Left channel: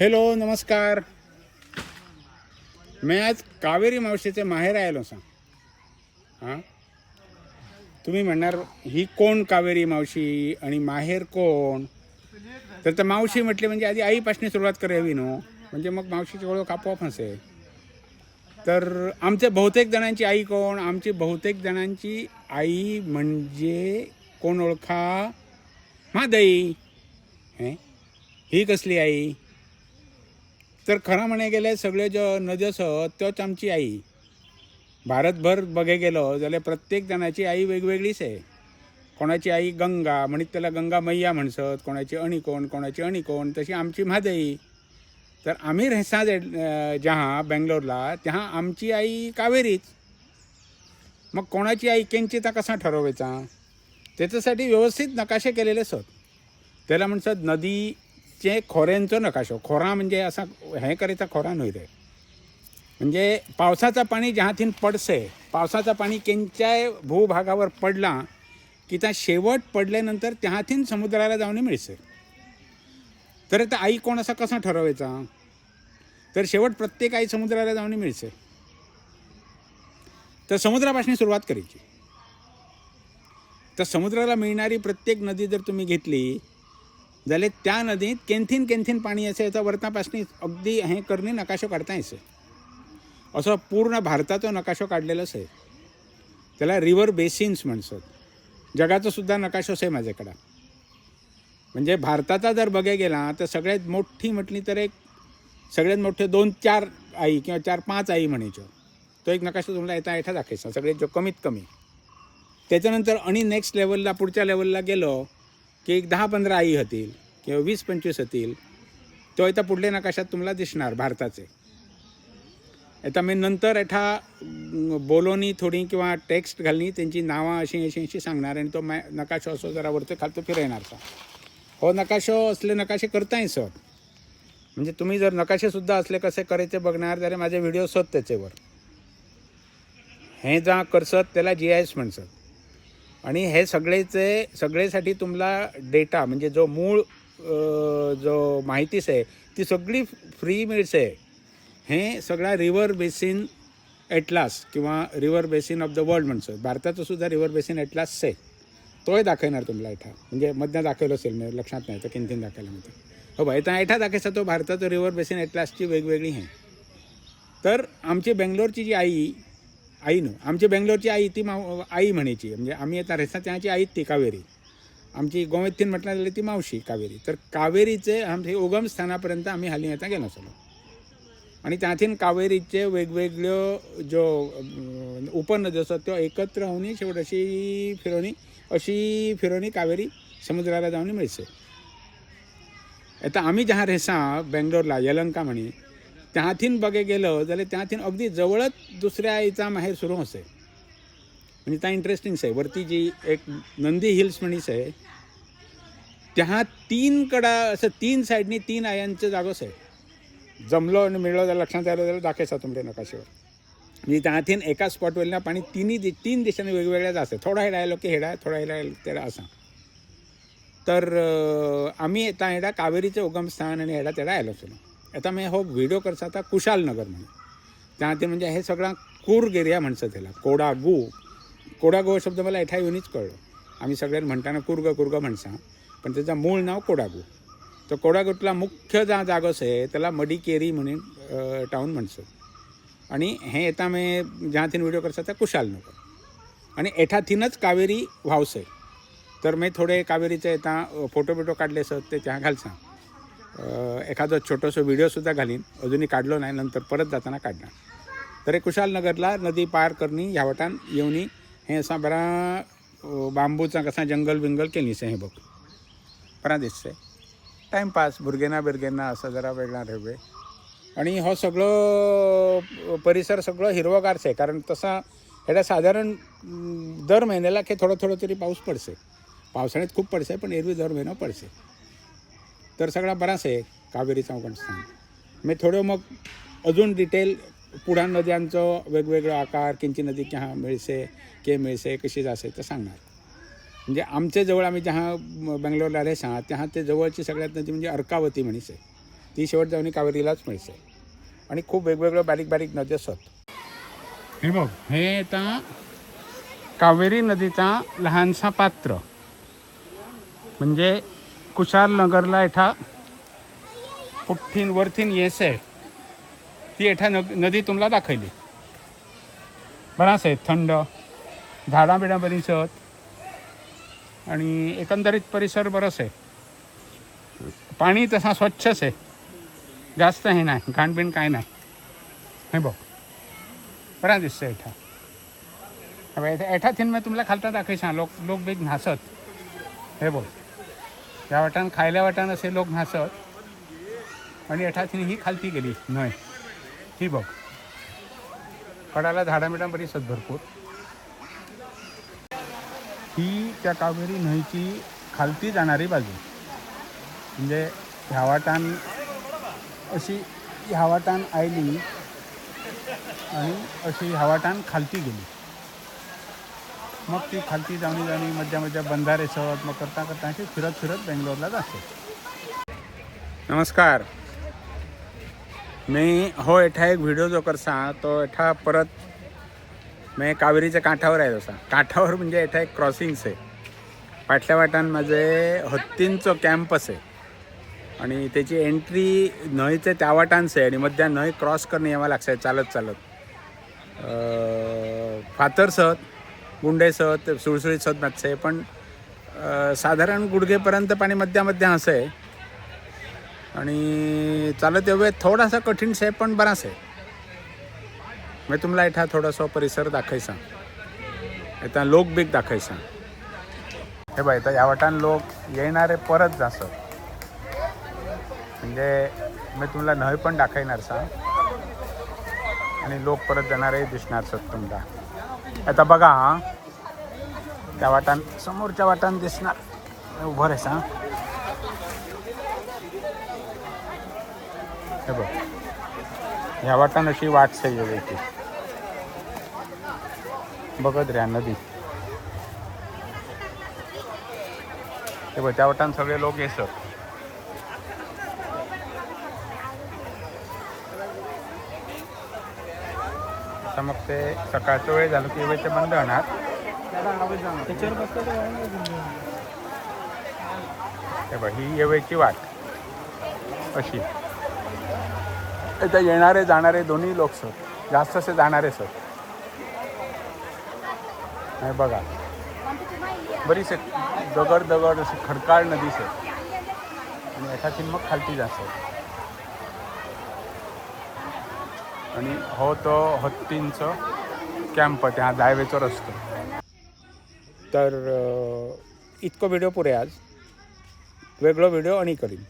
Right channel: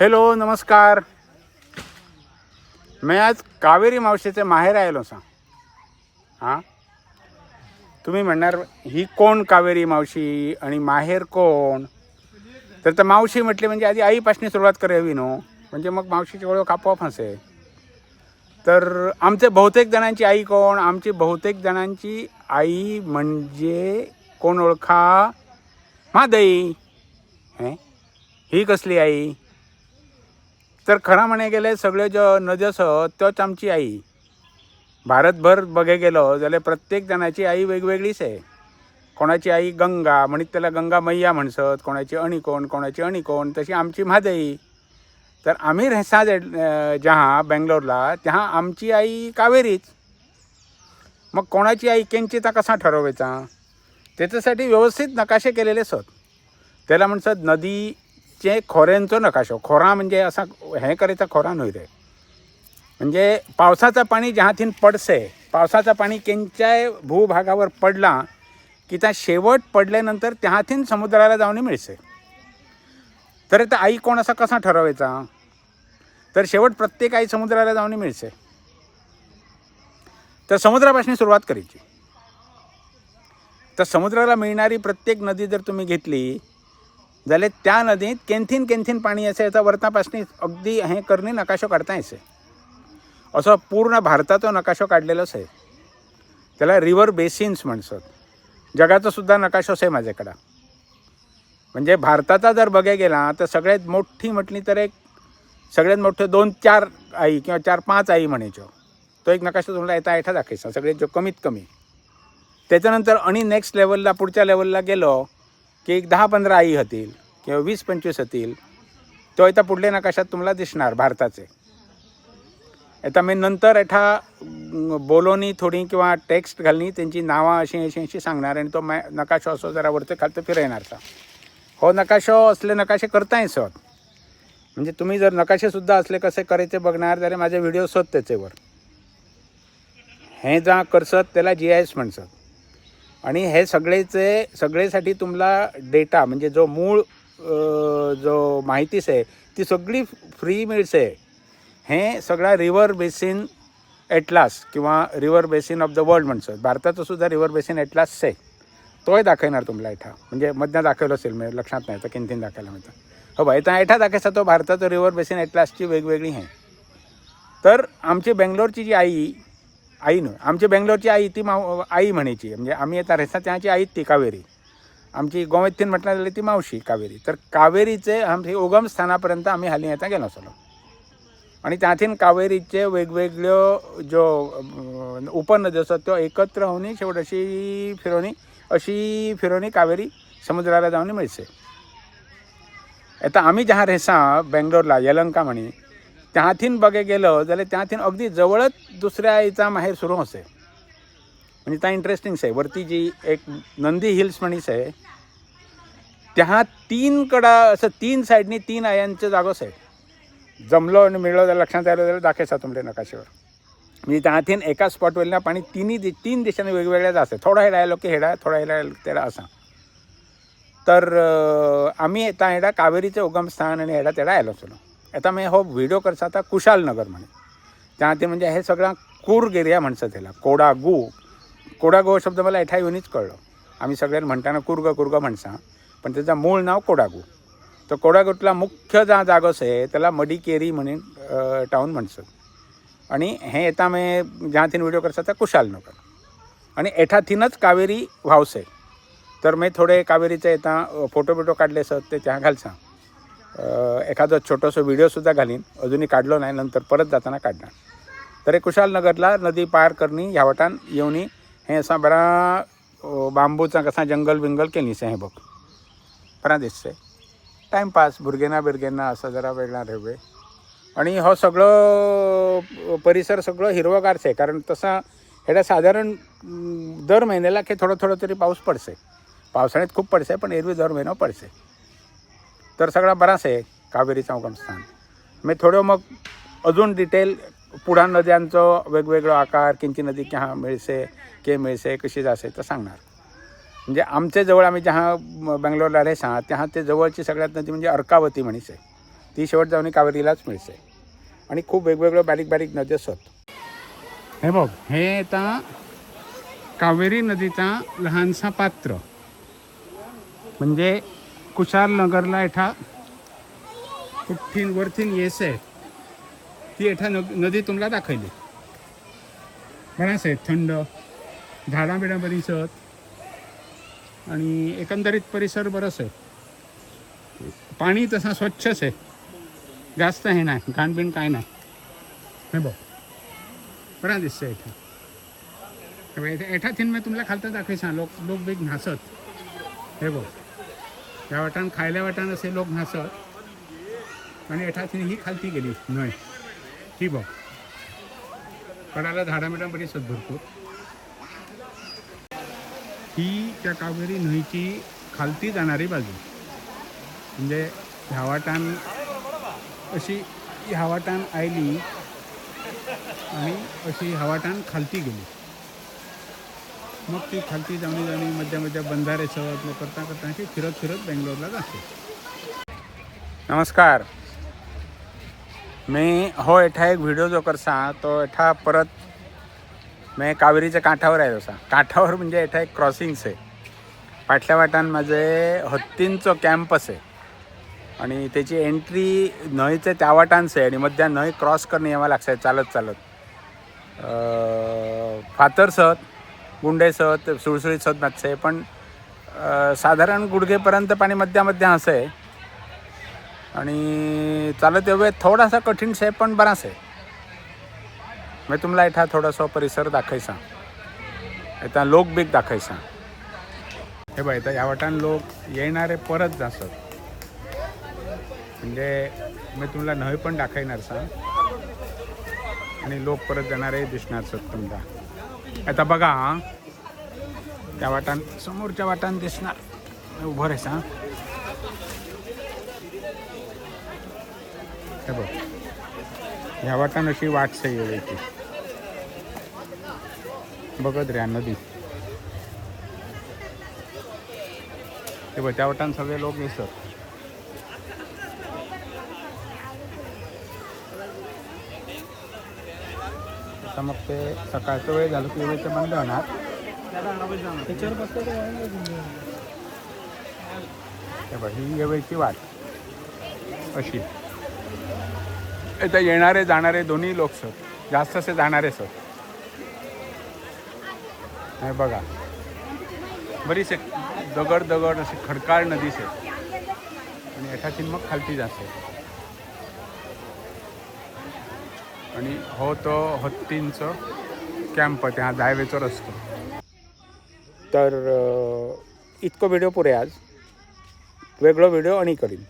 Hello नमस्कार. मैं आज कावेरी मावशीचे माहेर आयलो सा. हां, तुम्ही म्हणणार ही कोण कावेरी मावशी आणि माहेर कोण? तर मावशी म्हटली म्हणजे आधी आईपासून सुरुवात करावी नो, म्हणजे मग मावशीची ओळख आपोआप हसे. तर आमचे बहुतेक जणांची आई कोण? आमची बहुतेक जणांची आई म्हणजे कोण ओळखा? म्हादई. ही कसली आई? तर खरं म्हणे गेले सगळे जो नजस तोच आमची आई. भारतभर बघे गेलो जाल्यार प्रत्येक जणाची आई वेगवेगळीच आहे. कोणाची आई गंगा म्हणीत त्याला गंगा मैया म्हणसत, कोणाची अणिकोण, कोणाची अणिकोण, तशी आमची म्हादई. तर आम्ही रेसा जहा बेंगलोरला त्या आमची आई कावेरीच. मग कोणाची आई केंची ता कसा ठरवायचा? त्याच्यासाठी व्यवस्थित नकाशे केलेले असत. त्याला म्हणतात नदीचे खोऱ्यांचो नकाशो. खोरा म्हणजे असा हे करायचा खोरा न्हय रे. म्हणजे पावसाचं पाणी जहाथीन पडसे, पावसाचं पाणी केंच्याय भूभागावर पडला की त्या शेवट पडल्यानंतर त्याहाथीन समुद्राला जाऊन मिळसे. तर आता आई कोण असा कसा ठरवायचा? तर शेवट प्रत्येक आई समुद्राला जाऊन मिळसे. तर समुद्रापासून सुरुवात करायची. तर समुद्राला मिळणारी प्रत्येक नदी जर तुम्ही घेतली जाल्यार त्या नदीत केंथीन केंथीन पाणी असे याचा वरतापासून अगदी हे करणे नकाशो काढता येसे. असं पूर्ण भारताचा नकाशो काढलेलो आहे. त्याला रिव्हर बेसिन्स म्हणतात. जगाचा सुद्धा नकाशो आहे माझ्याकडं. म्हणजे भारताचा जर बघायला गेला तर सगळ्यात मोठी म्हटली तर एक सगळ्यात मोठे 2-4 आई किंवा 4-5 आई म्हणायचो. तो एक नकाशा तुम्हाला येता दाखवायचा सगळ्यात जो कमीत कमी. त्याच्यानंतर आणि नेक्स्ट लेवलला पुढच्या लेवलला गेलो की एक 10-15 आई होतील किंवा 20-25 होतील. तो आता पुढल्या नकाशात तुम्हाला दिसणार भारताचे. आता मी नंतर एठा बोलोनी थोडी किंवा टेक्स्ट घालनी त्यांची नावं अशी सांगणार आणि तो नकाशो असो जरा वरती खालतं फिरवणार. हो नकाशो असले नकाशे करता येतात. म्हणजे तुम्ही जर नकाशे सुद्धा असले कसे करायचे बघणार जरी माझे व्हिडिओ स्वत त्याच्यावर हे जा करसत त्याला GIS म्हणतात. आणि हे सगळेसाठी तुम्हाला डेटा म्हणजे जो मूळ जो माहितीच आहे ती सगळी फ्री मिळते. हे सगळा रिव्हर बेसिन एटलास किंवा river basin of the world म्हणतात. भारताचा सुद्धा रिव्हर बेसिन एटलास आहे. तोही दाखवणार तुम्हाला इथं. म्हणजे मधनं दाखवलं असेल मी लक्षात नाही तर किंतीन दाखवायला म्हणतात. हो बा इथं एठा दाखवायचा तो भारताचं रिव्हर बेसिन एटलासची वेगवेगळी आहे. तर आमची बेंगलोरची जी आई न आमची बेंगलोरची आई ती आई म्हणायची. म्हणजे आम्ही आता रेसा त्याची आई ती कावेरी. आमची गोमेथीन म्हटलं जाल्यार ती मावशी कावेरी. तर कावेरीचे आमचे उगम स्थानापर्यंत आम्ही हाली आता गेलो असलो. आणि त्यातून कावेरीचे वेगवेगळ्यो जो उपनद्यो असतात त्यो एकत्र होऊन शेवट अशी फिरवणी कावेरी समुद्राला जाऊन मिळते. आता आम्ही जहा रेसा बेंगलोरला यलंका म्हणी त्याथीन बघे गेलो जाल्यार त्याथीन अगदी जवळच दुसऱ्या आईचा माहेर सुरू होते. म्हणजे त्या इंटरेस्टिंग आहे. वरती जी एक नंदी हिल्स म्हणीस आहे त्या 3 कडा असं 3 साईडनी 3 आयांचे जागोच आहे. जमलो आणि मिळलो तर लक्षात आलं तर दाखवायचा तुमच्या नकाशावर. म्हणजे त्याथीन एका स्पॉटवरला पाणी 3 दिशांनी वेगवेगळ्याच असते. थोडा हेडा आलो की हेडा, थोडा हेडा तेडा असा. तर आम्ही आता हेडा कावेरीचे उगमस्थान आणि हेडा तेडा आलो असलो. आता मी हो व्हिडिओ करता आता कुशालनगर म्हणे त्या म्हणजे हे सगळा कूर्ग एरिया म्हणतात त्याला. कोडागू शब्द मला एठा येऊनच कळलो. आम्ही सगळ्यांना म्हणताना कुर्ग म्हणसा पण त्याचं मूळ नाव कोडागू. तर कोडागूतला मुख्य जा जागोच आहे त्याला मडिकेरी म्हणून टाऊन म्हणतात. आणि हे येता मी ज्याथीन व्हिडिओ करता त्या कुशालनगर. आणि एठाथीनच कावेरी व्हावस आहे. तर मी थोडे कावेरीचे येता फोटो काढले असत ते त्या घालसा. एखादं छोटंसं व्हिडिओसुद्धा घालीन. अजूनही काढलो नाही, नंतर परत जाताना काढणार. तर हे कुशालनगरला नदी पार करणी ह्या वटान येऊनी हे असा बरा बांबूचा कसा जंगल केलीस हे बघ बरा दिसतंय. टाइमपास भुरगेंना असं जरा वेगळा ठेवे. आणि हो सगळं परिसर सगळं हिरवगारच आहे. कारण तसा हेडा साधारण दर महिन्याला की थोडं तरी पाऊस पडसे. पावसाळ्यात खूप पडसे पण एरवी दर महिना पडसे. तर सगळा बराच आहे कावेरीचा उगमस्थान. मी थोडं मग अजून डिटेल पुढा नद्यांचं वेगवेगळं आकार किंची नदी केहा मिळसे कशी जासे तर सांगणार. म्हणजे आमच्या जवळ आम्ही जहा बेंगलोरला रेसा त्या ते जवळची सगळ्यात नदी म्हणजे अर्कावती म्हणीस आहे. ती शेवट जाऊन कावेरीलाच मिळते. आणि खूप वेगवेगळ्या बारीक बारीक नदी असतात. हे बघ, हे आता कावेरी नदीचा लहानसा पात्र म्हणजे कुशाल नगरला एठा कुठीन वरतीन येस आहे ती एठा नदी तुम्हाला दाखवली. बराच आहे, थंड झाडां बिडां बरीच आहेत आणि एकंदरीत परिसर बरंच आहे. पाणी तसा स्वच्छच आहे, जास्त हे नाही, घाणबिण काय नाही. हे बघ बरा दिसतं एठा. एठा थिन मी तुम्हाला खालता दाखवायचा लोक बी घासत. हे बघ, या वाटान खायल्या वाटान असे लोक घासत आणि एठा थिन ही खालती गेली न्हय. ही बघ, कडाला झाडां बिडां बरीच आहेत भरपूर. ही त्या कावेरी न्हंयची खालती जाणारी बाजू, म्हणजे ह्या वाटान अशी ह्या वाटान आयली आणि अशी ह्या वाटान खालती गेली. मग ती खालती जाणी आणि मध्य मध्य बंधारे सवत मग करता करता ती फिरत फिरत बेंगलोरला जाते. नमस्कार, मी हो एठा एक व्हिडिओ जो करसा तो एठा परत मी कावेरीच्या काठावर आहे. तसा काठावर म्हणजे एठा एक क्रॉसिंग्स आहे. फाटल्या वाटान माझे हत्तींचो कॅम्पस आहे आणि त्याची एंट्री न्हंयचे त्या वाटानच आहे आणि मध्या न्हंय क्रॉस करणे यावं लागतं चालत चालत. फातर सत गुंडे सत सुळसुळीत सत मातसे पण साधारण गुडघेपर्यंत पाणी मध्या मध्या असं आहे आणि चालत येवे थोडासा कठीण आहे पण बराच आहे. मी तुम्हाला इथं थोडासा परिसर दाखवायचा, इथं लोक बीक दाखवायचा. हे बघ, इथं या वाटान लोक येणारे परत जास्त म्हणजे मी तुम्हाला न्हंय पण दाखवणार सा आणि लोक परत जाणारे दिसणार सर तुम्हाला. आता बघा, त्या वाटान समोरच्या वाटान दिसणार उभं राहायचं. ह्या वाटान अशी वाट सगळी येते बघत राहा नदी. त्या वाटान सगळे लोक येतात. आता मग ते सकाळचा वेळ झाला की वेळेचे बंद होणार. ही येवेची वाट अशी. इथं येणारे जाणारे दोन्ही लोक सर, जास्त असे जाणारे सर. बघा बरीच दगड दगड असं खडकाळ नदी सर आणि एखादी मग खालती जास्त. आणि हो तो हत्तींचं कॅम्प त्या जायवेचो रस्तो. तर इतकं व्हिडिओ पुरे आज. वेगळं व्हिडिओ आणि करीन.